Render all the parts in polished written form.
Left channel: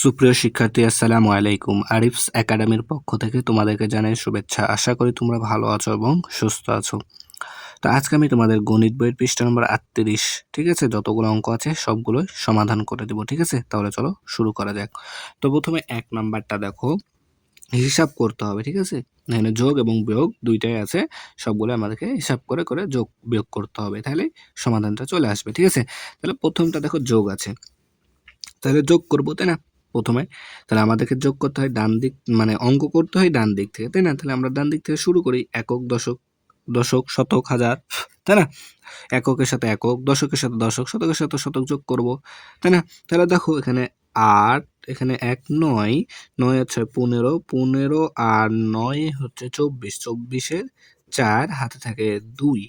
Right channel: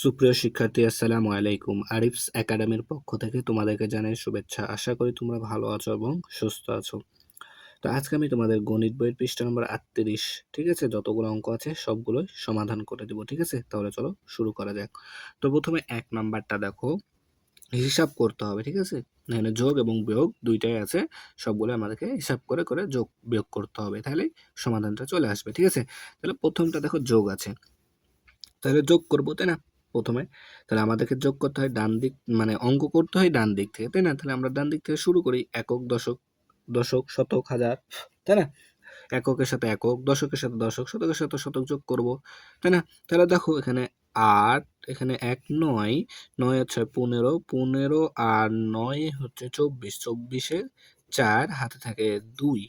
সুপ্রিয় শিক্ষার্থী, আসসালামু আলাইকুম। আরিফস একাডেমির পক্ষ থেকে তোমাদেরকে জানাই শুভেচ্ছা। আশা করি তোমরা ভালো আছো এবং সুস্থ আছো। তো আজকে আমি তোমাদের গণিত বইয়ের পৃষ্ঠা নম্বর 38, ঠিক আছে, যতগুলো অঙ্ক আছে সবগুলোই সমাধান করে দেবো, ঠিক আছে। তাহলে চলো শুরু করা যাক। তো প্রথমে 1 নাম্বারটা দেখো, হিসাব করতে হবে, ঠিক আছে। এখানে যোগ এবং বিয়োগ দুইটাই আছে, সবগুলো আমাদেরকে হিসাব করে করে যোগ বিয়োগ করতে হবে, তাহলে সমাধানটা চলে আসবে, ঠিক আছে। তাহলে প্রথমটা দেখো যোগ আছে, তাহলে যোগ করবো, তাই না? প্রথমে তাহলে আমাদেরকে যোগ করতে হয় ডান দিক, মানে অঙ্ক করতে হয় ডান দিক থেকে, তাই না? তাহলে আমরা ডান দিক থেকে শুরু করি, একক, দশক, দশক, শতক, হাজার, তাই না? এককের সাথে একক, দশকের সাথে দশক, শতকের সাথে শতক যোগ করব, তাই না? তাহলে দেখো এখানে 8, এখানে 1 9, 9 আর 6 15, 15 আর 9 হচ্ছে 24, 24-এর 4 হাতে থাকে 2,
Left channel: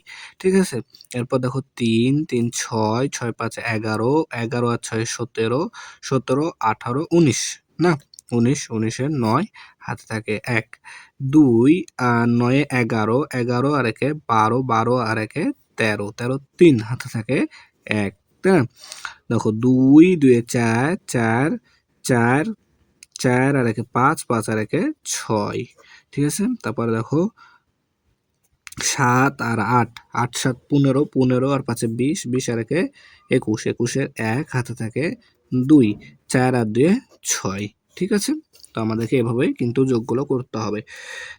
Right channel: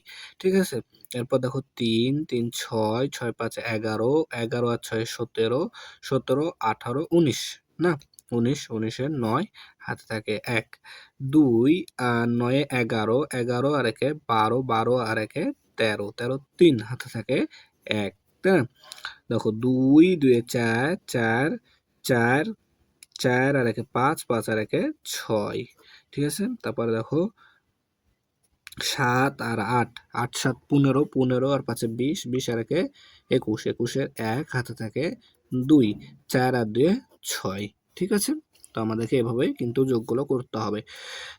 ঠিক আছে। এরপর দেখো 3 3 6, 6 5 11, 11 আর 6 17, 17 18 19, না 19, 19-এর 9 হাতে থাকে 1, 2 আর 9 11, 11 আর 1 12, 12 আর 1 13, 13 3 হাতে থাকে 1, তাই না? দেখো 2 2 এ 4, 4 4 4 আর 1 5, 5 আর 1 6, ঠিক আছে। তারপরে দেখো 7 আর 8, 8 7 15, 15 আর 5 20, 20 আর 1 21, 21-এর 1 হাতে থাকে 2, 4 আর 2 6, ঠিক আছে। তো আমাদেরকে এভাবেই কিন্তু যোগগুলো করতে হবে।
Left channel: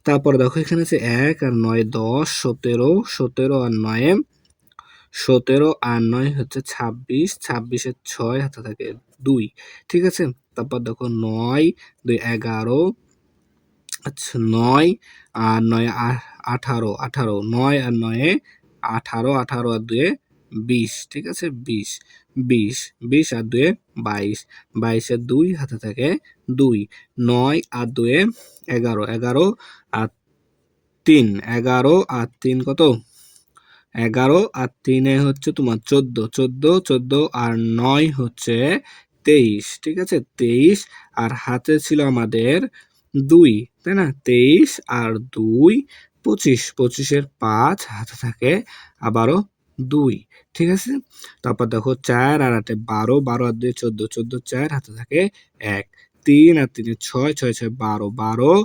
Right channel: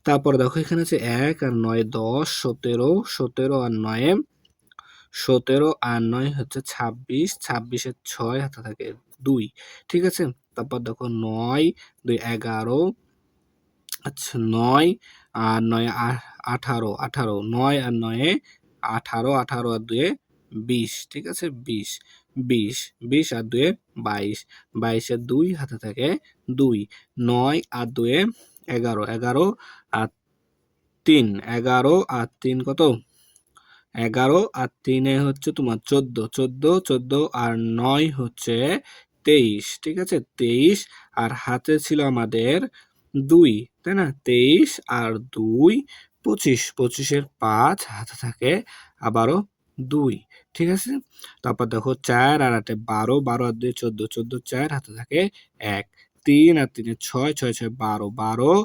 তারপর দেখো এখানে আছে 1 আর 9 10, 17, 17 আর 9 17 আর 9 হচ্ছে 26, 26-এর 6 হাতে থাকে 2, ঠিক আছে। তারপর দেখো 9 2 11, আচ্ছা 9 আর 9 18, 18, 9 আর 9 18, 18 আর 2 20, ঠিক আছে, 20, 20, 20 আর 2 22, 22-এর 2 হাতে থাকে 2, 9 আর 2 11, 11 আর 3, 11 আর 3 কত? 11 আর 3 হচ্ছে তোমার 14, 14, 14 আর 9 হচ্ছে 23, ঠিক আছে, 23 আর হাতে ছিল আমাদের 2, তাই না? 23 আর 2 25, 25-এর 5 হাতে থাকে আবারও 2, ঠিক আছে। তারপর দেখো 4 আর 8 12, 12 আর 2 14, 14 4 হাতে থাকে 1, 3 আর 3 6, 6 6 12, 12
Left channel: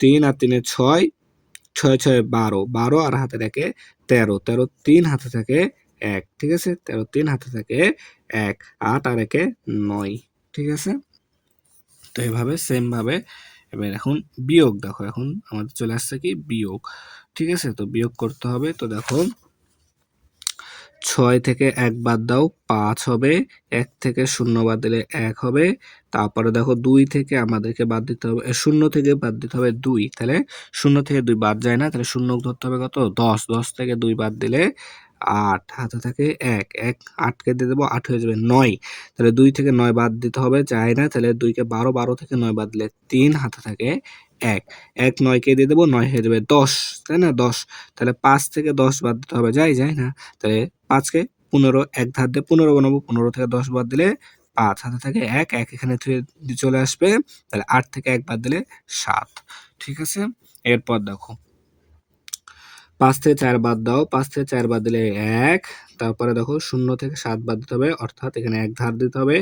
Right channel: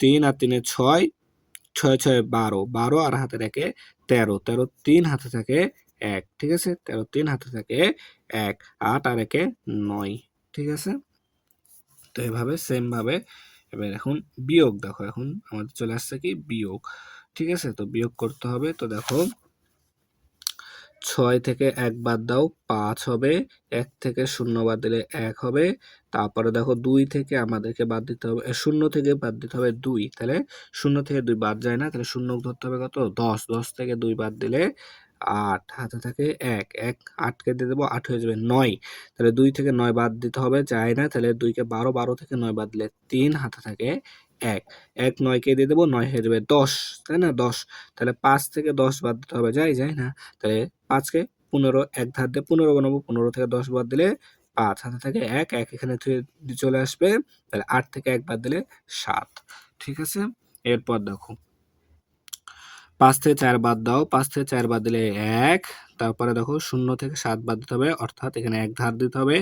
3 আর 3 6, 6 6 12, 12 আর হাতে থাকে 13, 13 3 হাতে থাকে 1, ঠিক আছে, 13 3 হাতে থাকে 1, 8 আর 1 9, ঠিক আছে। তো এভাবে সেম ভাবে এবার এখন বিয়োগ দেখো, এখন আমাদের চলে আসছে কি বিয়োগ, ঠিক আছে। তো বিয়োগ করতে হবে, তো দেখো 6 থেকে 1 বাদ দাও 5 হবে, 1 থেকে 0 বাদ দিলে 1 হবে। তারপরে দেখো 2 থেকে আমাদেরকে বাদ দিতে হবে, 0 থেকে বাদ দিতে হবে 2, তাহলে 0 থেকে 2 বাদ যায় না, তাহলে 0 ধরতে হবে কত? 10, 10 থেকে 2 বাদ দিলে 8 হাতে থাকে 1, 1 8 কে দিয়ে দেবো 8 হয়ে যাবে 9, তাহলে 2 থেকে 9 বাদ দিতে হবে, যায় না, তাহলে 2 কে 12, 12 থেকে 9 বাদ দিলে 3 হাতে থাকে 1, 1 9 কে দিয়ে দেবো 9 হয়ে যাবে 10, তাই না? 10, তাহলে 5 থেকে 10 বাদ দিতে হবে, যায় না, তাহলে 5 কে 15 এক ধার দিয়ে 15 বানাবো, 15 থেকে 10 বাদ দিলে 5 হাতে থাকে 1, 1 এখানে চলে আসবে, তাহলে 8 থেকে 1 বাদ দিলে 7, ঠিক আছে। এরপর দেখো 5 থেকে 4 বাদ দাও, 5 থেকে 4 বাদ দিলে 1, তারপরে দেখো 0 থেকে 7 বাদ দিতে হবে, অর্থাৎ এখানে 1 ধার দিতে হবে,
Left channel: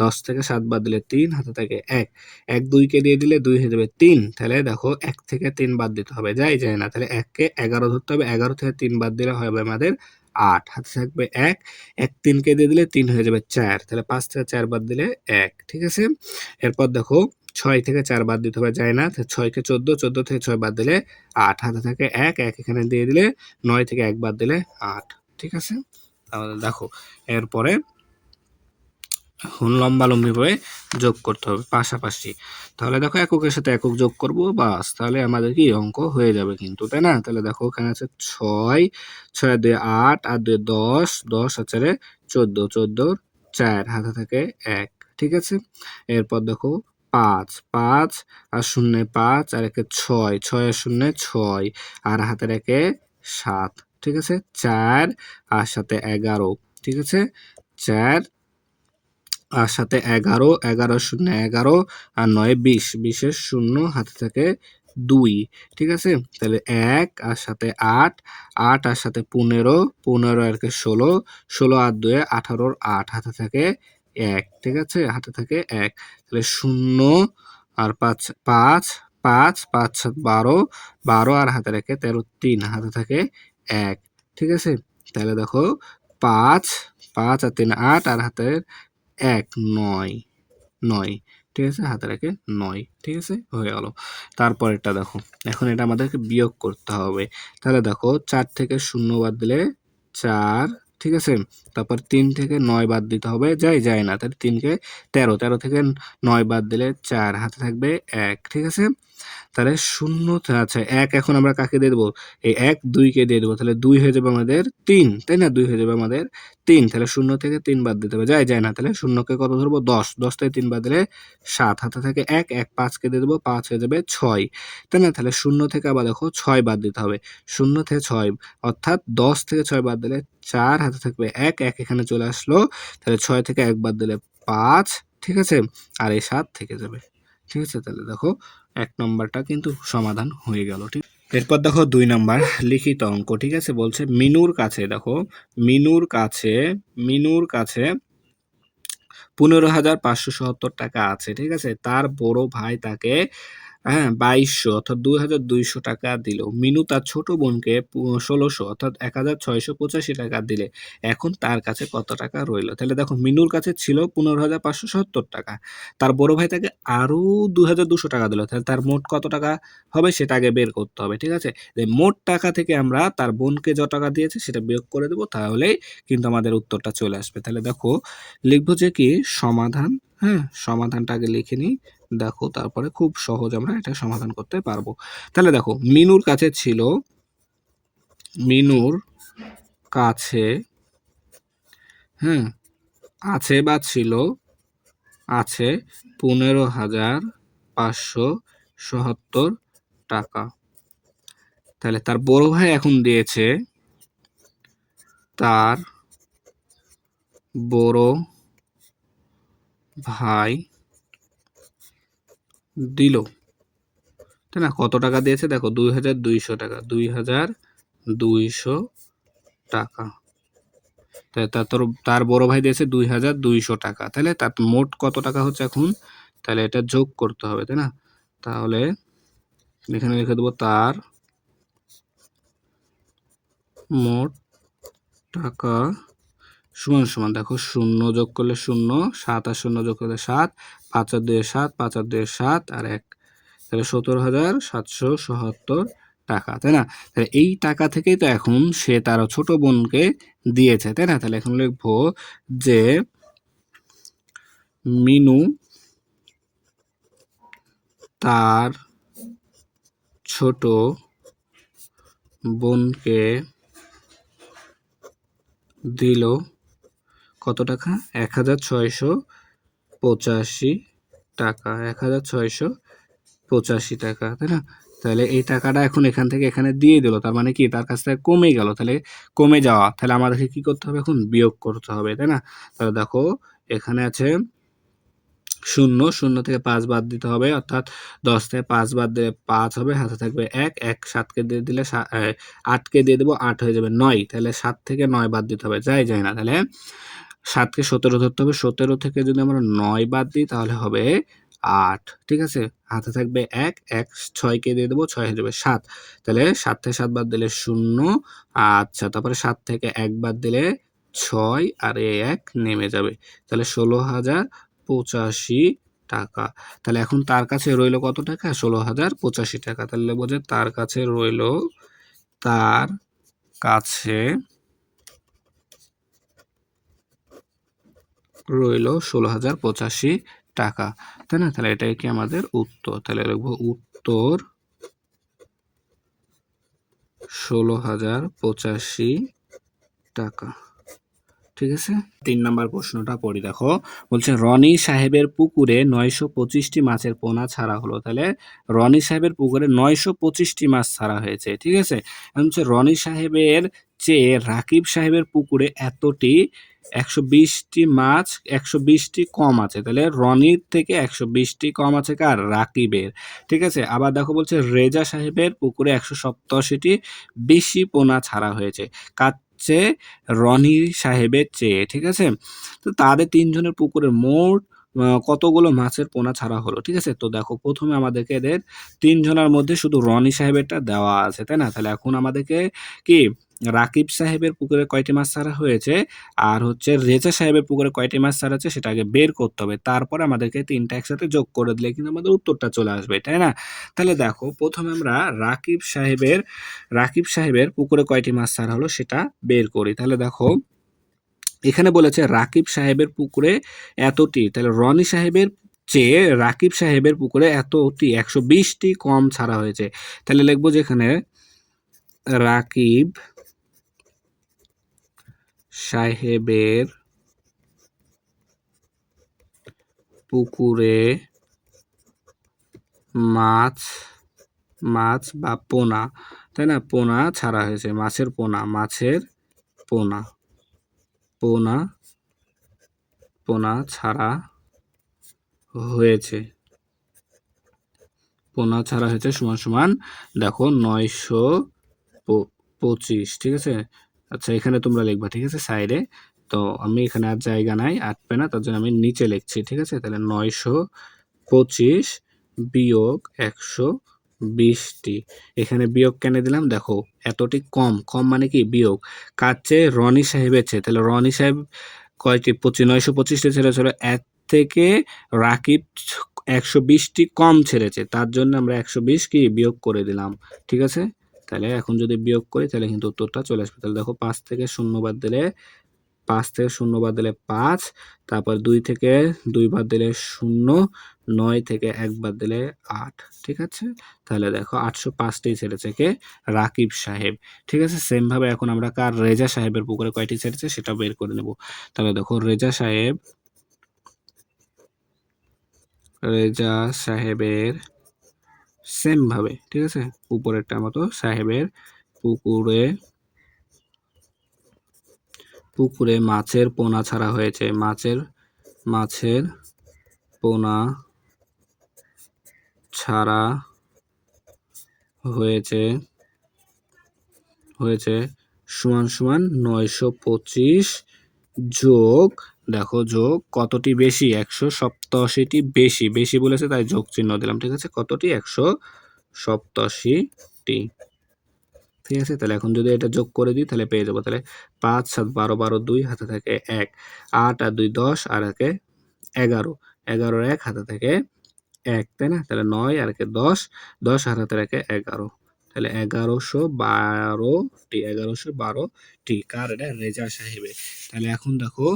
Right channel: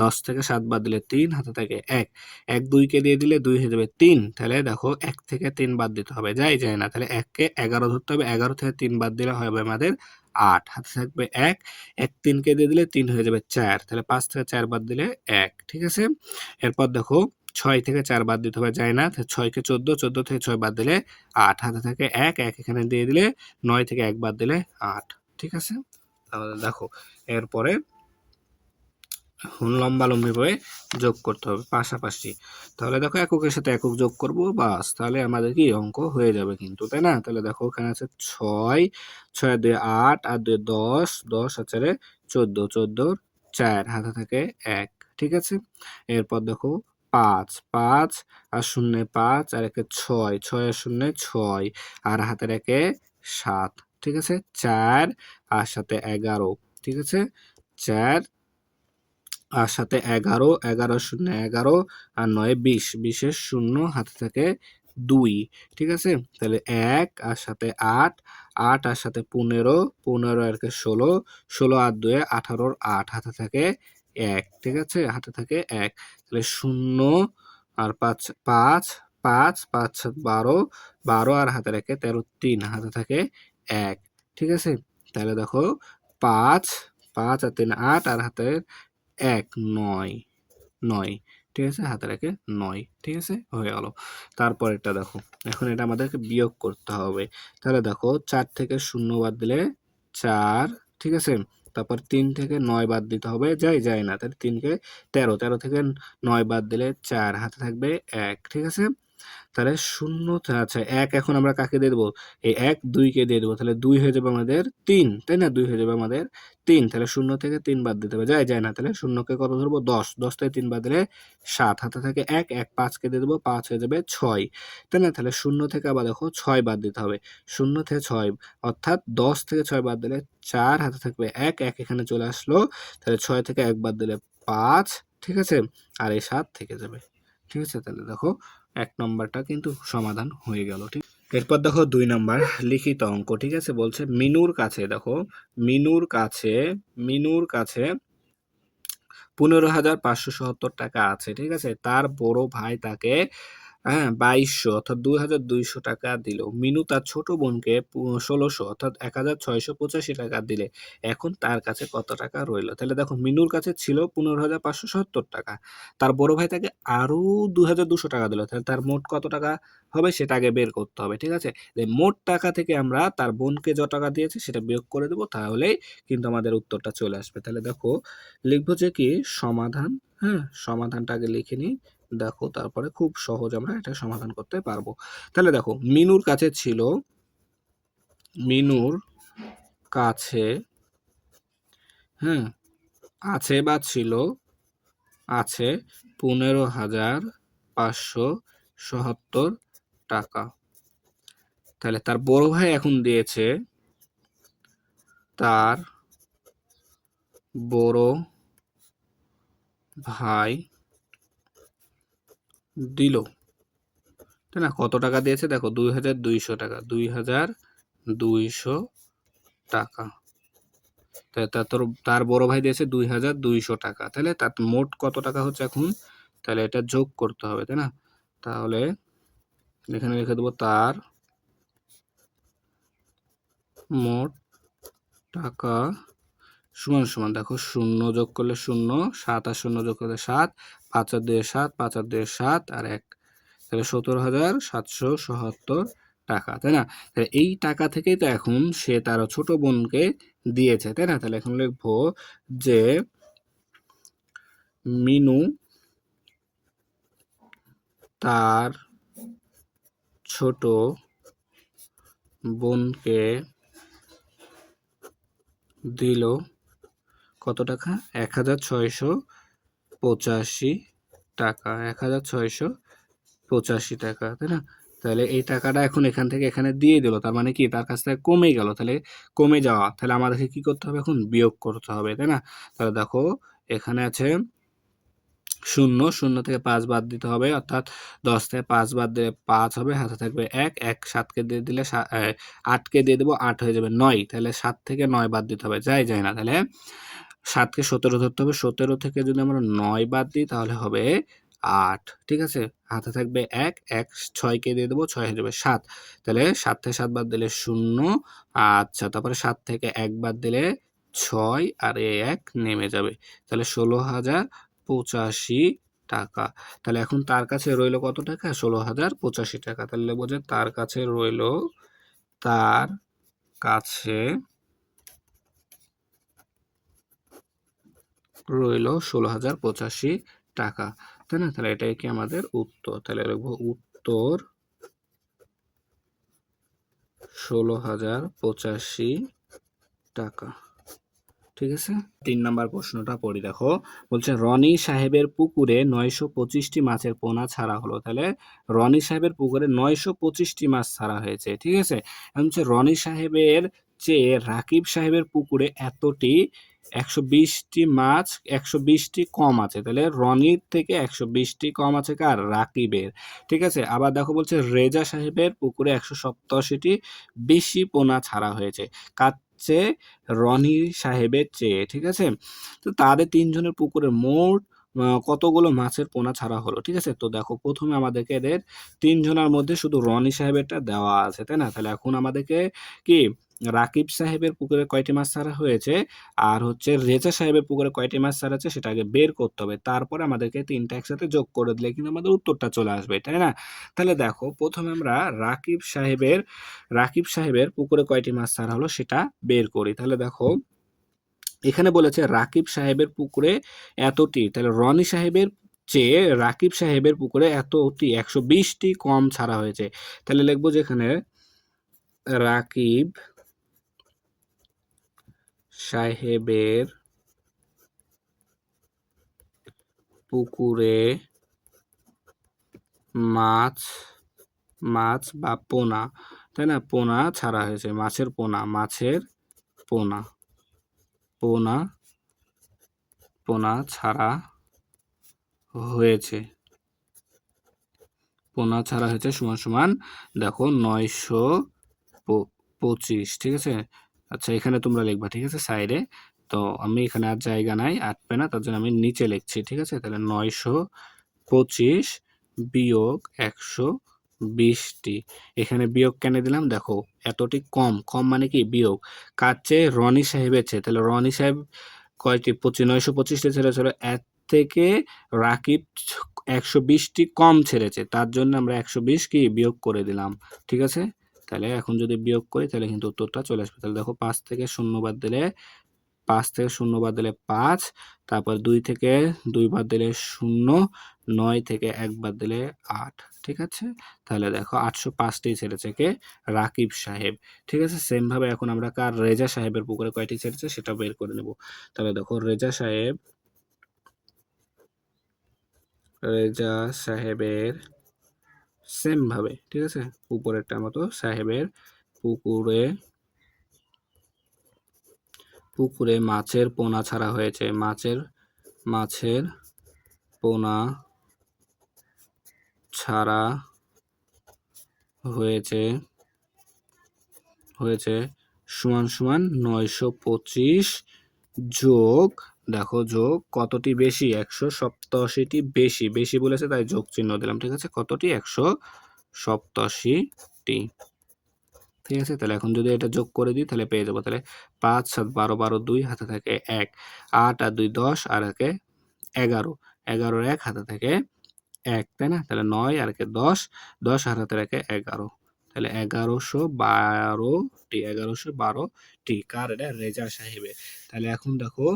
10 থেকে 7 বাদ দিলে 3 হাতে থাকে 1, 1 2 কে দিয়ে দিলে 2 হয়ে যাবে 3, তাহলে দেখো 1 থেকে 3 বাদ দিতে হবে, যায় না, তাহলে 1 কে 11 ধরতে হবে, 11 থেকে 3 বাদ দিলে হবে আমাদের 8, হাতে থাকবে 1, 1 3 কে দিয়ে দিলে 3 হয়ে যাবে 4, তাহলে 5 থেকে 4 বাদ দিলে 1, ঠিক আছে। এরপর দেখো 6 থেকে 4 বাদ দিতে হবে, যায় না, 6 কে 14, 14 থেকে 6 বাদ দিলে 8, হাতে থাকে 1, 1 এখানে দিয়ে দিলে 9 থেকে 1 বাদ দিলে 8, ঠিক আছে। তাহলে দেখো এরপরে লম্বালম্বি ভাবে যোগ করতে হবে পাশাপাশি, তাহলে দেখো এককের সাথে একক যোগ করব, বাস, তাহলে আমাদের কি অঙ্ক হয়ে যাবে কিন্তু, তাই না? তাহলে দেখো এখানে আছে 6, 6 2 8, 8 2 10, 10 আর 4 14, 14 4 হাতে থাকে 1, ঠিক আছে। এরপর দেখো 5, 5 আর 0 5 আর 1 6, 6 আর 0 6 আর হাতে রেখে 7, ঠিক আছে। 4 আর সাথে 11, ঠিক আছে, 4 আর সাথে 11, 11 0 11 আর 9 20, 20-এর 0 হাতে থাকে 2, ঠিক আছে। তাহলে 1 আর সাথে 8, 8 আর সাথে 15, 15 আর 16, 16 আর 2 18, 8 হাতে থাকে এক, ঠিক আছে, হাতে থাকে এক। তাহলে 0 আর 5 5 5 5 7 12, 12 আর হাতে রেখে 13 3, হাতে থাকে এক, ঠিক আছে। তাহলে দেখো 5 5 আর 3 8 আর হাতে এক 9 9, ঠিক আছে, হাতে রেখে 9, ঠিক আছে, হয়ে গেল। তারপরেরটা দেখো, এখন এটা আমাদেরকে বিয়োগ করতে হবে। তাহলে দেখো 4 থেকে 0 বাদ দিলে 4, ঠিক আছে। তারপর 3 থেকে 9 বাদ দিতে হবে, যায় না, তাহলে 3 কে 13, 13 থেকে 9 বাদ দিলে 4, হাতে থাকবে এক, ঠিক আছে। তাহলে 0, আচ্ছা 1 এখন আমরা কাকে দিয়ে দেবো? এই 1 2 কে দিয়ে দেবো, তাহলে 2 হয়ে যাবে আমাদের 3, তাই না? 2 হয়ে যাবে আমাদের 3, তাহলে 0 থেকে 3 বাদ দিতে হবে, যায় না, তাহলে 0 কে কত ধরবো? 10, 10 থেকে 3 বাদ দিলে 7, হাতে থাকে 1 1 5 কে দিয়ে দেবো, 5 হয়ে যাবে 6, তাই না? তাহলে 0 থেকে আবার দেখো 6 বাদ দিতে হবে, 0 থেকে 6, অর্থাৎ 10 থেকে 6 বাদ দিলে 4, হাতে থাকবে 1 1 এখানে চলে আসলো, তাহলে 6 থেকে 1 বাদ দিলে 5, ঠিক আছে, আর এই 7 থেকে যাবে, ঠিক আছে। তাহলে দেখো 1 নম্বরটা কিন্তু সমাধান হয়ে গেল, ঠিক। এরপর দেখো 2 নাম্বার লিখিত অঙ্ক, ঠিক আছে। বলছে মিনুর কাছে, দেখো মিনুর কাছে 15,570 টাকা আছে, ঠিক আছে। তার বড় ভাই তাকে 2200 অর্থাৎ 2,200 টাকা দিল। মিনু তার ছোট বোনকে 1600 অর্থাৎ 1,685 টাকা দিলে। এখন তার কাছে কত টাকা রইল? তাহলে দেখো মিনুর কাছে ছিল 15,570 টাকা, তার বড় ভাই তাকে আরো 2,200 টাকা দিল, তাহলে তার মোট কত টাকা হবে সেটা আগে বের করতে হবে, ঠিক আছে। মোট টাকা থেকে আমরা তার বোনকে যত টাকা দিয়েছে সেটা বিয়োগ করে দেবো, তাহলেই কিন্তু আমাদের উত্তরটা চলে আসবে। তাহলে দেখো লিখবো যে কি সমাধান, সমাধানটা আগে লিখে নিই, দেখো তারপরে খুব সহজ আমরা এটা সমাধান করতে পারবো। তাহলে দেখো মিনুর কাছে ছিল, মিনুর কাছে আছে বা ছিল, আছে 15,570 টাকা। তাহলে তার বড় ভাই এখন দিয়েছে, তার বড় ভাই দিল, তাই না? কত টাকা দিয়েছে দেখো? 2,200 টাকা, 2,200 টাকা। তাহলে তার বড় ভাই দিয়েছে 2,200 টাকা, তাহলে তার মোট কত টাকা হচ্ছে এখন? তাহলে এটা যোগ করতে হবে, তাই না? তাহলে এখানে লিখে দেবো তার মোট টাকা সমান সমান, দেখো 0 যোগ করলে 0, 7 আর 0 যোগ করলে 7, 5 আর 2 7, 5 আর 2 7 আর 1, তাহলে 17,770 টাকা, তাই না? তাহলে এই টাকা থেকেই তো এখন সে তার ছোট বোনকে দিয়েছে, তাই না? তাহলে এখন লিখবো যে মিনু তার ছোট বোনকে দিল কত টাকা? 1,685 টাকা, 1,685 টাকা, তাই না? তাহলে এই টাকাটা এখন এখান থেকে এখানে দিয়ে দিল, তার মানে কি তার কাছ থেকে কমে গেল, তাহলে কমে যাওয়া, তাহলে আমাদেরকে কি করতে হবে? এখন বিয়োগ করতে হবে, তাই না? তাহলে দেখো এখানে আছে 0, 0 থেকে 5 বাদ দিতে হবে, অর্থাৎ 10 থেকে 5 বাদ দিলে 5 হবে, হাতে থাকবে 1 1, 7কে দিয়ে দিলে 8কে দিয়ে দেবো, 8 হয়ে যাবে 9, তাহলে 7 থেকে 9 বাদ দিতে হবে, যায় না, তাহলে 7কে 17 ধরতে হবে, 17 থেকে যদি আমরা 9 বাদ দিই তাহলে হবে 8, ঠিক আছে। হাতে থাকবে 1 1, 6কে দিয়ে দেবো, 6 হয়ে যাবে 7, তাহলে 7 থেকে 7 বাদ দিলে 0, আচ্ছা তারপরে 7 থেকে 1 বাদ দিলে 6 আর এই 1 নেমে যাবে, তাহলে 16,085 টাকা। তাহলে এখন তার কাছে রইল কত টাকা? 16,085 টাকা। তাহলে লিখবো যে তার কাছে রইল, তার কাছে রইল 16,085 টাকা, তাই না? তাহলে এটাই কি আমাদের উত্তর? তাহলে লিখবো উত্তর 16,085 টাকা, ঠিক আছে। 3 নাম্বার প্রশ্নটা পড়ি, দেখো বলছে রনি সাহেবের পুকুরে 925টি মাছের পোনা ছাড়া হলো। তাহলে রনি সাহেবের পুকুরে 925টি মাছ ছাড়া হয়েছে, ঠিক আছে। এখন হচ্ছে রনি সাহেবের চেয়ে রাকিব সাহেবের পুকুরে এতটি 120টি মাছ 120টি কম আছে, তাহলে রনির থেকে 120টি কম আছে কার? রাকিবের, ঠিক আছে। আবার দেখো বলছে রেজা সাহেবের পুকুরে 187টি বেশি পোনা ছাড়া হয়েছে, কার চেয়ে রনি সাহেবের চেয়ে, ঠিক আছে। তো তাদের তিনজনের পুকুরে মোট কতগুলো মাছের পোনা ছাড়া হলো, ঠিক আছে। তো দেখো প্রথমে আমাদেরকে এদের তিনজনের মধ্যে শুধু রনি সাহেবেরটা দেওয়া আছে, তাই না। তাহলে এখন আমাদেরকে কি রাকিব সাহেবের পুকুরে কয়টি মাছ ছাড়া হয়েছে আর হচ্ছে রেজা সাহেবের পুকুরে কয়টি মাছ ছাড়া হয়েছে সেটা আগে বের করতে হবে, তারপরে আমাদেরকে তিনটা একসাথে যোগ করে দিলে কিন্তু আমাদের উত্তরটা চলে আসবে, তাই না। তাহলে দেখো প্রথমে আমরা রাকিব সাহেবের পুকুরে কয়টি মাছ ছাড়া হলো সেটা বের করি। তাহলে দেখো এখানে বলেছে রাকিব সাহেবের পুকুরে এতটি, তাহলে রনি সাহেবের চেয়ে রাকিব সাহেবের পুকুরে এতটি 120টি কম ছাড়া হয়েছে। তাহলে লিখবো যে এখানে রাকিব সাহেবের পুকুরে মাছ মাছ বা পোনা, তাই না, পোনা ছাড়া হয়েছে, মাছের পোনা পোনা পোনা ছাড়া হয়েছে, পোনা ছাড়া হয়েছে সমান সমান দেখো 925, ঠিক আছে। আচ্ছা এখানে তোমরা লিখবা, ঠিক আছে, সাইডে। তো আমি এখানে আর জায়গা নাই, আটবে না, তার জন্য আমি নিচে লিখছি, ঠিক আছে। তাহলে 925 বিয়োগ 120টি, এখানে বিয়োগ কেন দিলাম দেখো, এতটি কম, কম মানে কি বিয়োগ, কার চেয়ে রনি সাহেবের চেয়ে, তাহলে রনি সাহেব কয়টি 925টি ছেড়েছিল, এর থেকে রাকিব 120টি কম ছেড়েছে, তার জন্য আমরা 120 কি বিয়োগ করে দিলাম, ঠিক আছে। তাহলে এখন যদি বিয়োগ করি তাহলে কিন্তু উত্তরটা চলে আসবে। তাহলে দেখো 5 থেকে 0 বাদ দিলে 5, তারপর 2 থেকে 2 বাদ দিলে 0, 9 থেকে 1 বাদ দিলে 8, ঠিক আছে। তাহলে দেখো 805টি ছেড়েছে কে রাকিব সাহেব, ঠিক আছে। সেম ভাবে এখন আমরা কার রেজা সাহেবের পুকুরে কয়টি ছেড়েছে সেটা বের করে নেব। তাহলে দেখো রেজা সাহেবের সেম ভাবে, ঠিক আছে, উপরেরটার মতো সাহেবের পুকুরে মাছের পোনা ছাড়া হয়েছে, মাছের পোনা ছাড়া হয়েছে সমান সমান 925 যোগ, দেখো যোগ কতটি বেশি, 187টি বেশি, বেশি বলেছে তাই যোগ চিহ্ন দিলাম, ঠিক আছে। কতটি 187টি, ঠিক আছে। তাহলে এখন যদি এটা যোগ করে দিই তাহলে পেয়ে যাবো, তাহলে 5 7 12 12 2 হাতে থাকে 1, 8 আর 2 10 আর একে 11, 11 1 হাতে থাকে 1, তাই না। তাহলে 9 আর একে 10, 10 আর হাতে রাখে 11, তাহলে 1112টি, কার এটা রেজা সাহেবের। তাহলে এখন দেখো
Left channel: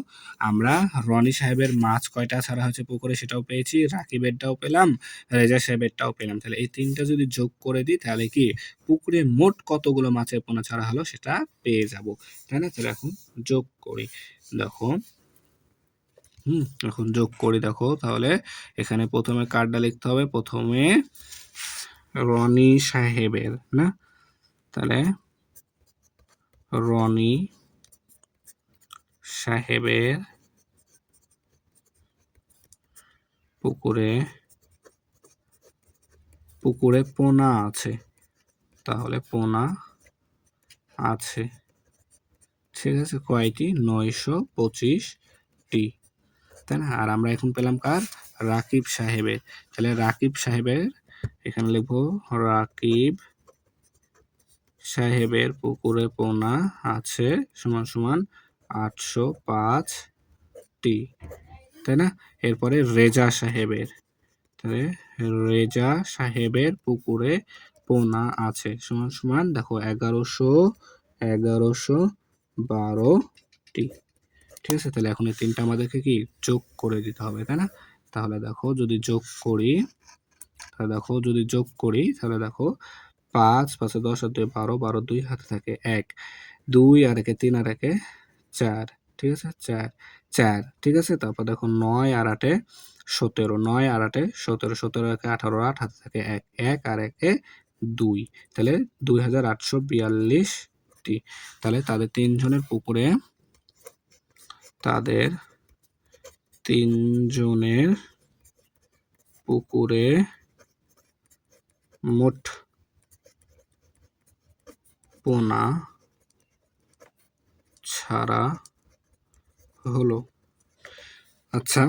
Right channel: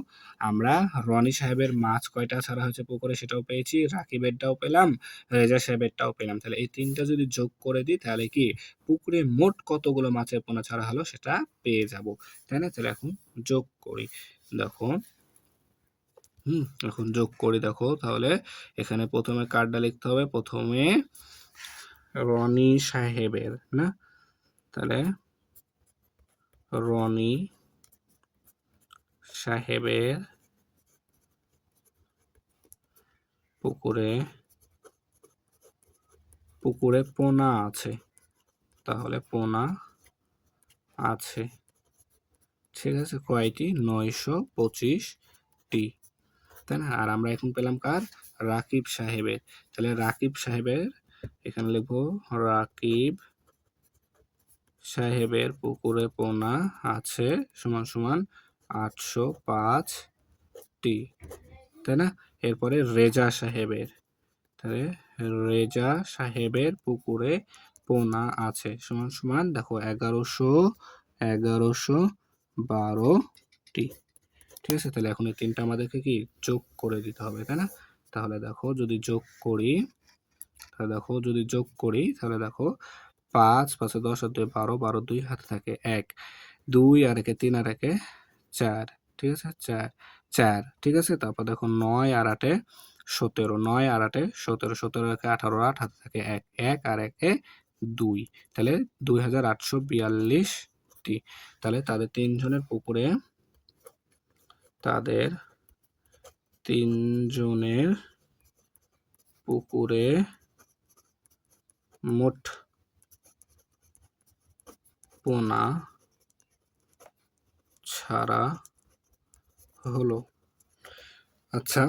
আমরা রনি সাহেবের মাছ কয়টা ছাড়া হয়েছে পুকুরে সেটাও পেয়েছি, রাকিবেরটাও পেলাম, রেজা সাহেবেরটাও পেলাম। তাহলে এই তিনটা যদি যোগ করে দিই তাহলে কি পুকুরে মোট কতগুলো মাছের পোনা ছাড়া হলো সেটা পেয়ে যাব, তাই না। তাহলে এখন যোগ করি, দেখো এখন যোগ করি, দেখো তাহলে এখানে প্রথমে কার্ডটা লিখতে হবে, প্রথমে রনি সাহেবের, না, তাহলে রনি সাহেবের পুকুরে পোনা আছে, তাহলে পোনা আছে, ঠিক আছে, কয়টি 925টি, তাই না। আর আমরা এখন পেলাম কার রাকিব সাহেবের, তাহলে রাকিব সাহেবের এখানে লিখবো রাকিব সাহেবের পুকুরে পোনা আছে সমান সমান 805টি, তাই না। এরপরে রেজা সাহেবের, তাহলে রেজা সাহেবের পুকুরে পোনা আছে সমান সমান দেখো 1112টি, ঠিক আছে। তাহলে এখন এই তিনটা আমাদেরকে কি যোগ করে দিতে হবে, তাই না। তাহলে দেখো যদি যোগ করি তাহলে দেখো 5 5 10 আর 2 12, 12 2 হাতে থাকে 1, 2 আর একে 3 আর একে 4, ঠিক আছে, 4, ঠিক আছে। তারপর দেখো 9 আর 8 17, 9 আর 8 17, 17 একে 18, 8 হাতে থাকে 1, 1 আর একে 2, তাহলে 2842টি। তাহলে তাদের তিনজনের পুকুরে মোট পোনা ছাড়া হলো। আচ্ছা,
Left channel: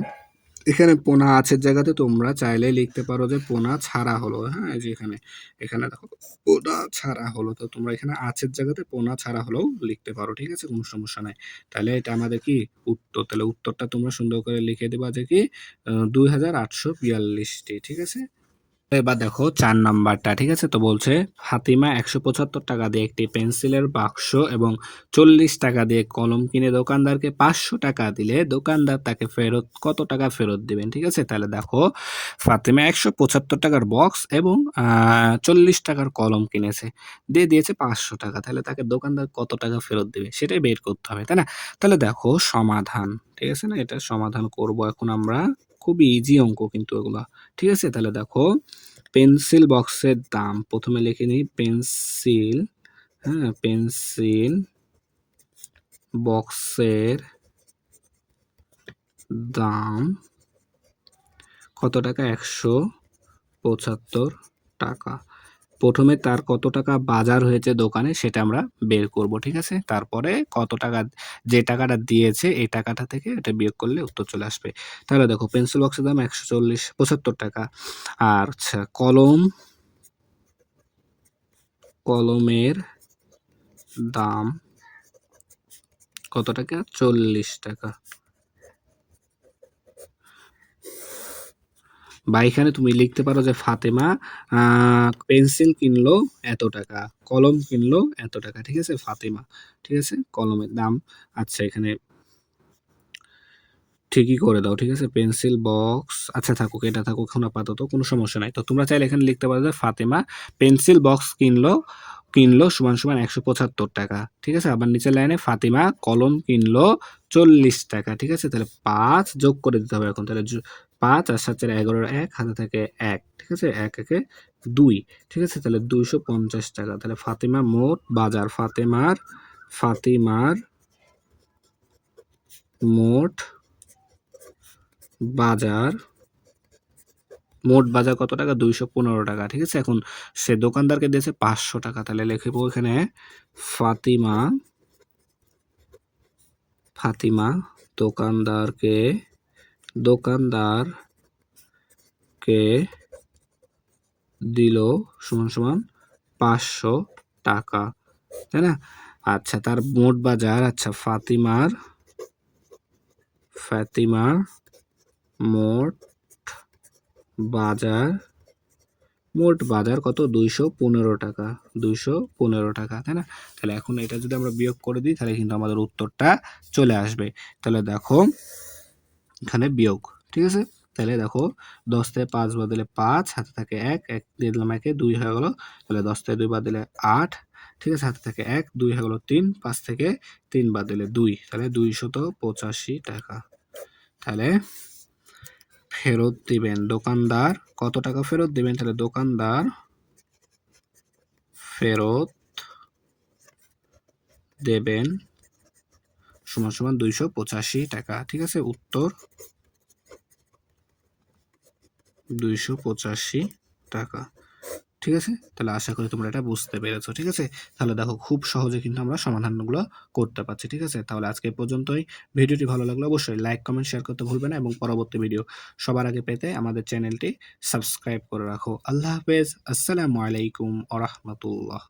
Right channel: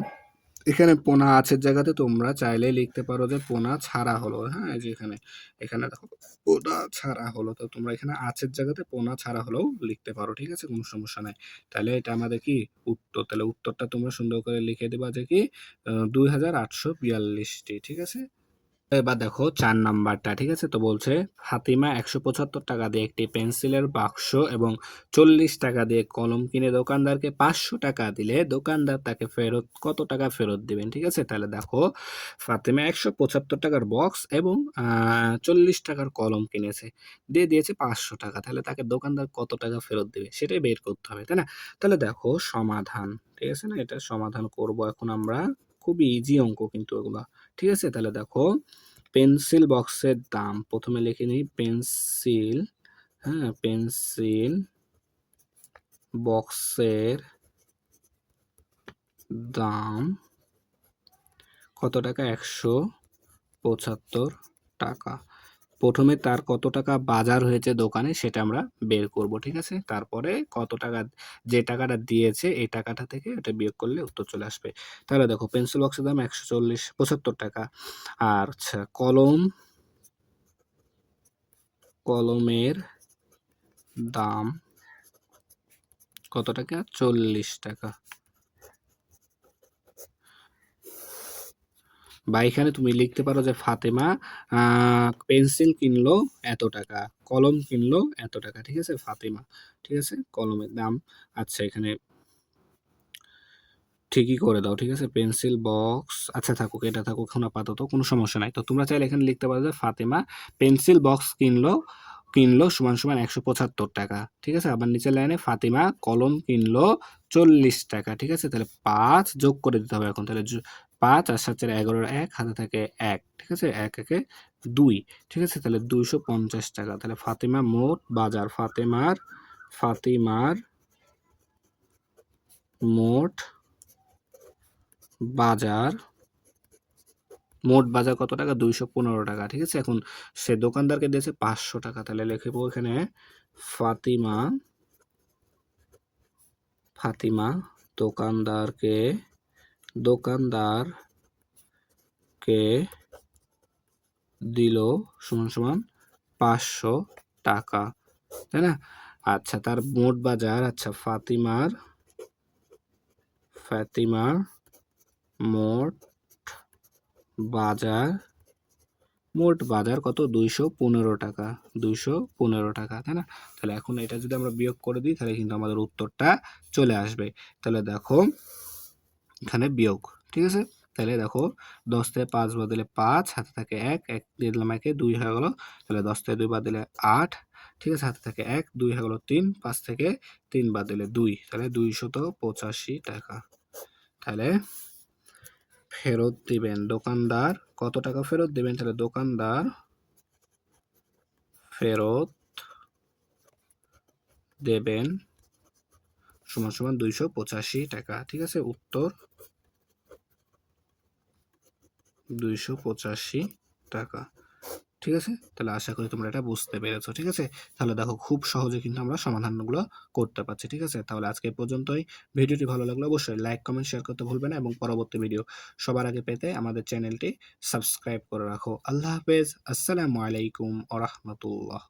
এখানে পোনা আছের জায়গাতে তোমরা চাইলে লিখতে পারো যে পোনা ছাড়া হলো। হ্যাঁ, এই যে এখানে এখানে দেখো পোনা ছাড়া হলো, তো তোমরা এখানে আছের জায়গাতে পোনা ছাড়া হলেও লিখতে পারো, ঠিক আছে, কোনো সমস্যা নাই। তাহলে এটা আমাদের কি উত্তর, তাহলে উত্তরটা তোমরা সুন্দর করে লিখে দেবা যে কি 2842টি, ঠিক আছে। এবার দেখো 4 নাম্বারটা, ঠিক আছে। তো বলছে ফাতিমা 175 টাকা দিয়ে একটি পেন্সিলের বাক্স এবং 40 টাকা দিয়ে কলম কিনে দোকানদারকে 500 টাকা দিলে দোকানদার তাকে কত টাকা ফেরত দিবেন, ঠিক আছে। তাহলে দেখো ফাতিমা 175 টাকার বক্স এবং 40 টাকার কলম কিনেছে, দিয়ে দিয়েছে 500 টাকা, তাহলে তাকে দোকানদার কত টাকা ফেরত দেবে সেটাই বের করতে হবে, তাই না। তাহলে দেখো সমাধান, ঠিক আছে না, এটা সমাধান করব এখন আমরা। খুবই ইজি অঙ্ক কিন্তু এগুলা, ঠিক আছে। তাহলে দেখো পেন্সিল বক্সের দাম প্রথমে লিখে নিই, পেন্সিল, হ্যাঁ, পেন্সিল বক্সের দাম কত টাকা, 175 টাকা। প্রথমে তার কত টাকা বাজার হয়েছে দোকানে সেটা আমরা বের করব, ঠিক আছে। তারপরে কত টাকা, যে টাকাটা দিয়েছে এই টাকাটা থেকে এটা বিয়োগ করলে উত্তর চলে আসবে। তাহলে দেখো পেন্সিল বক্সের দাম 175 টাকা। আর আচ্ছা, কলমের দাম কত টাকা, 40 টাকা। বা এখানে তুমি লিখতে পারো যে ফাতেমা পেন্সিল কিনলো এত টাকা, কলম কিনলো এত টাকা, ঠিক আছে, ফাতেমা, ঠিক আছে, কলমের দাম। আচ্ছা, এখানে ঠিকই করে দাও, ঠিক আছে, পেন্সিল বক্স, আচ্ছা থাকুক, এটা থাকুক এখন আপাতত, কোনো সমস্যা নাই। তো তোমরা চাইলে এখানে লিখতে পারো যে ফাতেমা পেন্সিল বক্স কিনলো কিনলো সমান সমান 175 টাকা, ঠিক আছে। আবার নিচের লাইনে ফাতিমা কলম কিনলো 40 টাকা, ঠিক আছে। তাহলে 5 যোগ করে দিতে হবে এখন, তাহলে 5 আর 7 4 11 1 হাতে থাকে 1, ঠিক আছে, 1 1 2, ঠিক আছে। তাহলে 250 টাকা। তাহলে ফাতিমা মোট বাজার, ফাতিমার মোট বাজার কত টাকা, 215 টাকা, ঠিক আছে। এখন সে দোকানদারকে দিয়েছে 500 টাকা, তাহলে লিখবো এখানে ফাতিমা দোকানদারকে দিল সমান সমান 500 টাকা, তাই না। আচ্ছা, তার মোট বাজার, আচ্ছা ফাতিমার মোট বাজার কত, 215 টাকা, 215 টাকা, তাই না। তাহলে এখন এটা যদি আমরা বিয়োগ করে দিই তাহলে কিন্তু আমাদের উত্তরটা চলে আসবে। তাহলে দেখো এখানে বিয়োগ, ঠিক আছে। তাহলে দেখো 10 থেকে 5 বাদ দিলে 5, হাতে থাকে 1, 1 দিয়ে দিলাম 1 2 হয়ে গেল। তাহলে 10 থেকে 2 বাদ দিলে 8, ঠিক আছে, হাতে থাকে 1 2 হয়ে গেল 3, 5 থেকে 3 বাদ দিলে 2, তাহলে 285 টাকা। তাহলে ফেরত দিবেন দোকানদার কত টাকা ফেরত দিবেন, তাহলে দোকানদার ফেরত দেবেন সমান সমান 285 টাকা, ঠিক আছে। উত্তর 285 টাকা, ঠিক আছে। তাহলে আশা করি তোমরা এটা বুঝতে পেরেছো, ঠিক আছে। তাহলে দেখো খুব সহজে কিন্তু আমরা সমাধানগুলো করতে পারছি, ঠিক আছে। তাহলে আজকে এই পর্যন্তই। ভিডিওটি ভালো লাগলে অবশ্যই লাইক কমেন্ট শেয়ার করতে ভুলবে না, এবং পরবর্তী ভিডিও সবার আগে পেতে আমাদের চ্যানেলটি সাবস্ক্রাইব করে রাখো। আল্লাহ হাফেজ, আসসালামু আলাইকুম ওয়া রাহমাতুল্লাহ।